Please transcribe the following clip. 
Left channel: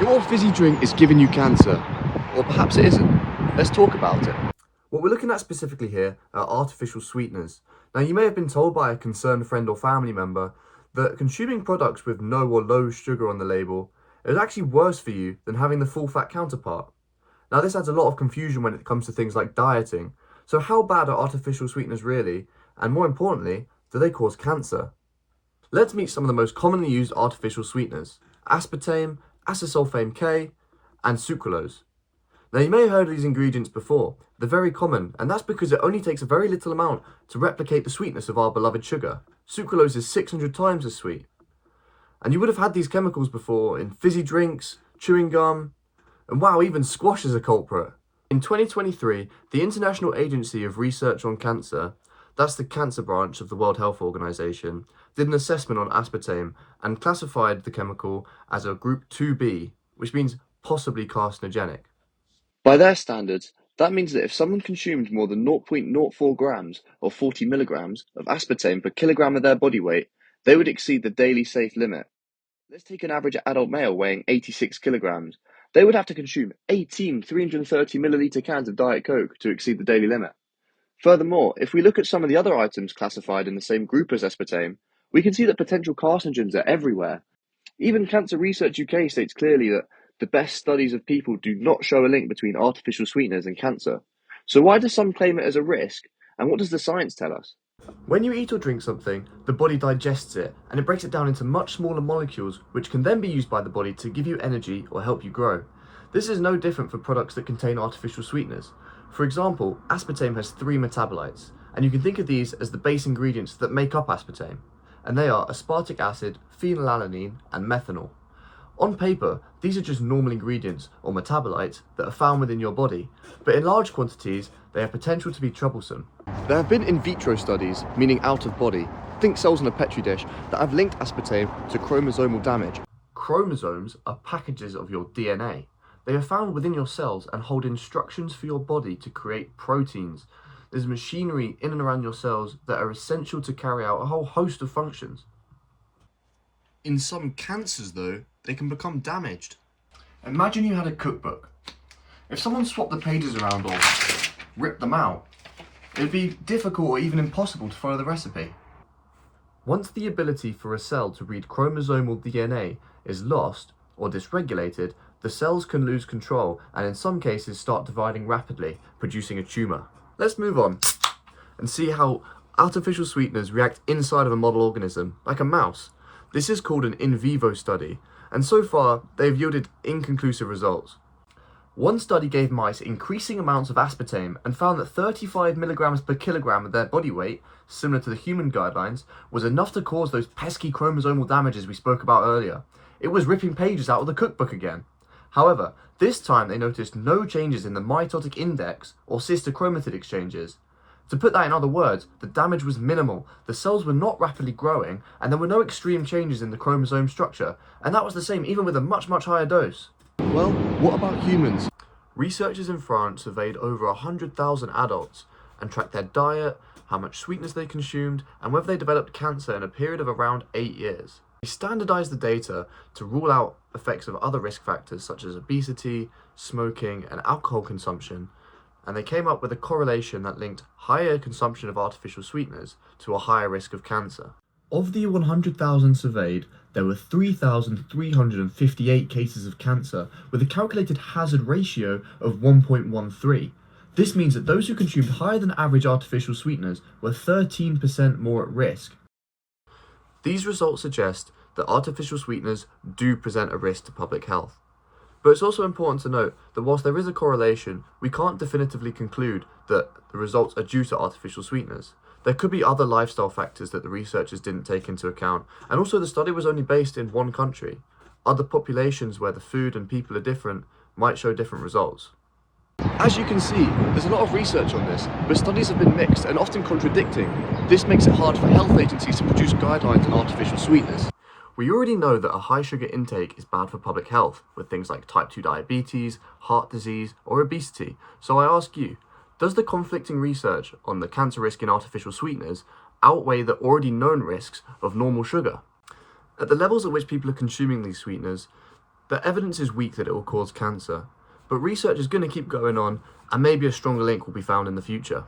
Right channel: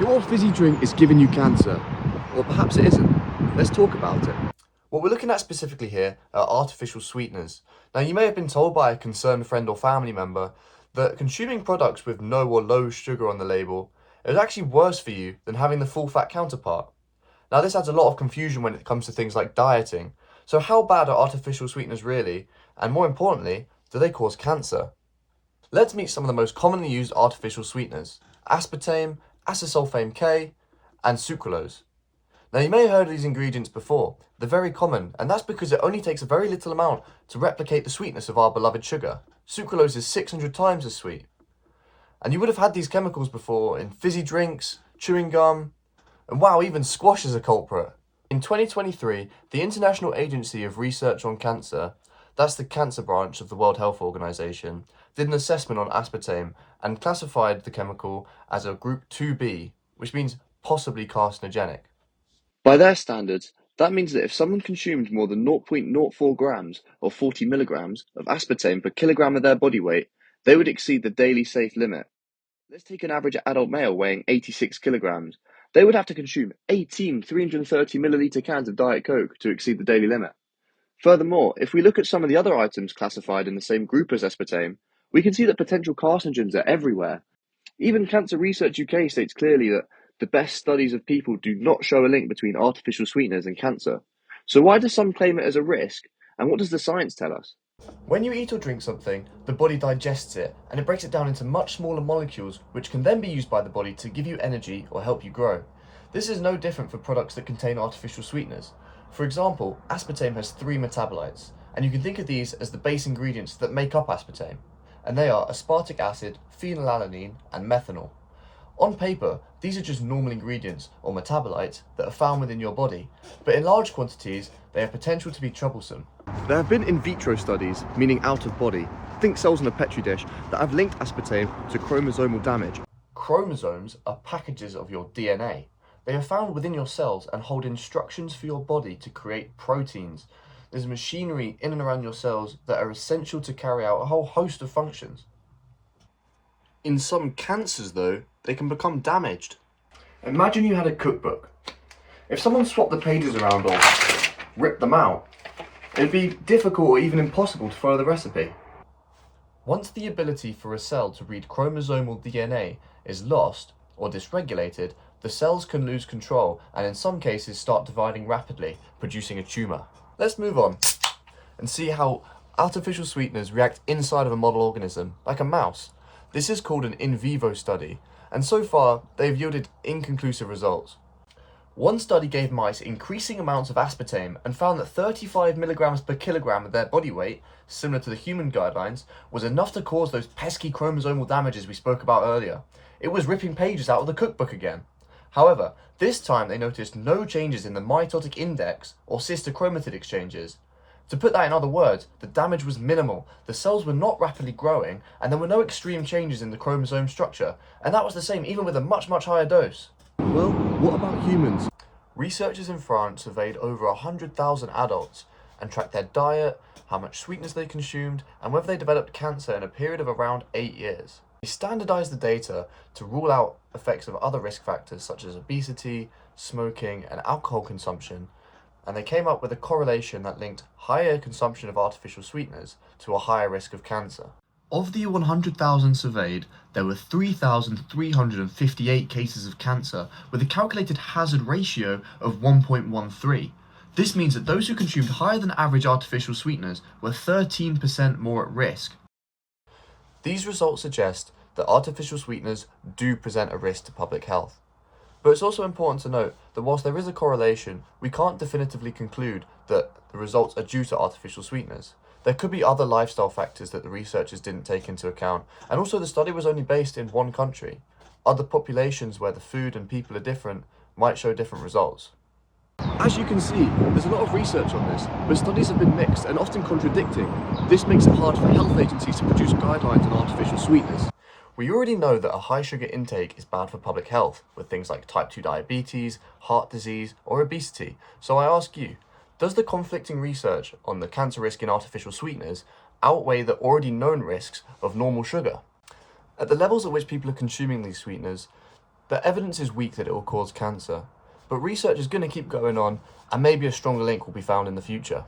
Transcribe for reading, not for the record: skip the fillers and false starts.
Your fizzy drink is giving you cancer. Or perhaps it isn't. Let's talk about it. What we're looking at specifically here are artificial sweeteners. Now, you may have been told by a concerned friend or family member that consuming products with no or low sugar on the label is actually worse for you than having the full fat counterpart. Now, this adds a lot of confusion when it comes to things like dieting. So how bad are artificial sweeteners really? And more importantly, do they cause cancer? Let's meet some of the most commonly used artificial sweeteners: aspartame, acesulfame K, and sucralose. Now, you may have heard of these ingredients before. They're very common, and that's because it only takes a very little amount to replicate the sweetness of our beloved sugar. Sucralose is 600 times as sweet. And you would have had these chemicals before in fizzy drinks, chewing gum, and wow, even squash is a culprit. In 2023, the International Agency of Research on Cancer, that's the cancer branch of the World Health Organization, did an assessment on aspartame and classified the chemical as a group 2B, which means possibly carcinogenic. By their standards, that means that if someone consumed more than 0.04 grams or 40 milligrams of aspartame per kilogram of their body weight, they would exceed the daily safe limit. Let's take an average adult male weighing 86 kilograms. They would have to consume 18 330 milliliter cans of Diet Coke to exceed the daily limit. Furthermore, if we look at some of the other items classified in the same group as aspartame, we can see that potential carcinogens are everywhere. Even Cancer Research UK states clearly that the best studies of people do not show a link between artificial sweeteners and cancer. So why do some claim it as a risk, and what does the science tell us? When you eat or drink something, the body digests it, and it breaks it down into much smaller molecules, which can then be used by the body to give you energy or help you grow. This is no different for products that contain artificial sweeteners. For example, aspartame has 3 metabolites, and you can think of these as the base ingredients that make up aspartame, and they are aspartic acid, phenylalanine, and methanol. On paper, these are just normal ingredients or metabolites that are found within your body, but in large quantities, they have potential to be troublesome. There have been in vitro studies, meaning out of body, think cells in a petri dish, that have linked aspartame to chromosomal damage. Chromosomes are packages of your DNA. They are found within your cells and hold instructions for your body to create proteins. There's machinery in and around your cells that are essential to carry out a whole host of functions. In some cancers, though, they can become damaged. Imagine you had a cookbook. If someone swapped the pages around or ripped them out, it'd be difficult or even impossible to follow the recipe. Once the ability for a cell to read chromosomal DNA is lost or dysregulated, the cells can lose control and in some cases start dividing rapidly, producing a tumour. Let's move on and see how artificial sweeteners react inside of a model organism, like a mouse. This is called an in vivo study, and so far they've yielded inconclusive results. One study gave mice increasing amounts of aspartame and found that 35 milligrams per kilogram of their body weight, similar to the human guidelines, was enough to cause those pesky chromosomal damages we spoke about earlier. It was ripping pages out of the cookbook again. However, this time they noticed no changes in the mitotic index or sister chromatid exchanges. To put that in other words, the damage was minimal, the cells were not rapidly growing, and there were no extreme changes in the chromosome structure, and that was the same even with a much higher dose. Well, what about humans? Researchers in France surveyed over 100,000 adults and tracked their diet, how much sweetness they consumed, and whether they developed cancer in a period of around 8 years. They standardized the data to rule out effects of other risk factors such as obesity, smoking, and alcohol consumption, and they came up with a correlation that linked higher consumption of artificial sweeteners to a higher risk of cancer. Of the 100,000 surveyed, there were 3,358 cases of cancer with a calculated hazard ratio of 1.13. This means that those who consumed higher than average artificial sweeteners were 13% more at risk. These results suggest that artificial sweeteners do present a risk to public health. But it's also important to note that whilst there is a correlation, we can't definitively conclude that the results are due to artificial sweeteners. There could be other lifestyle factors that the researchers didn't take into account, and also the study was only based in one country. Other populations where the food and people are different might show different results. As you can see, there's a lot of research on this, but studies have been mixed and often contradicting. This makes it hard for health agencies to produce guidelines on artificial sweeteners. We already know that a high sugar intake is bad for public health, with things like type 2 diabetes, heart disease, or obesity. So I ask you, does the conflicting research on the cancer risk in artificial sweeteners outweigh the already known risks of normal sugar? At the levels at which people are consuming these sweeteners, The evidence is weak that it will cause cancer, but research is going to keep going on, and maybe a stronger link will be found in the future.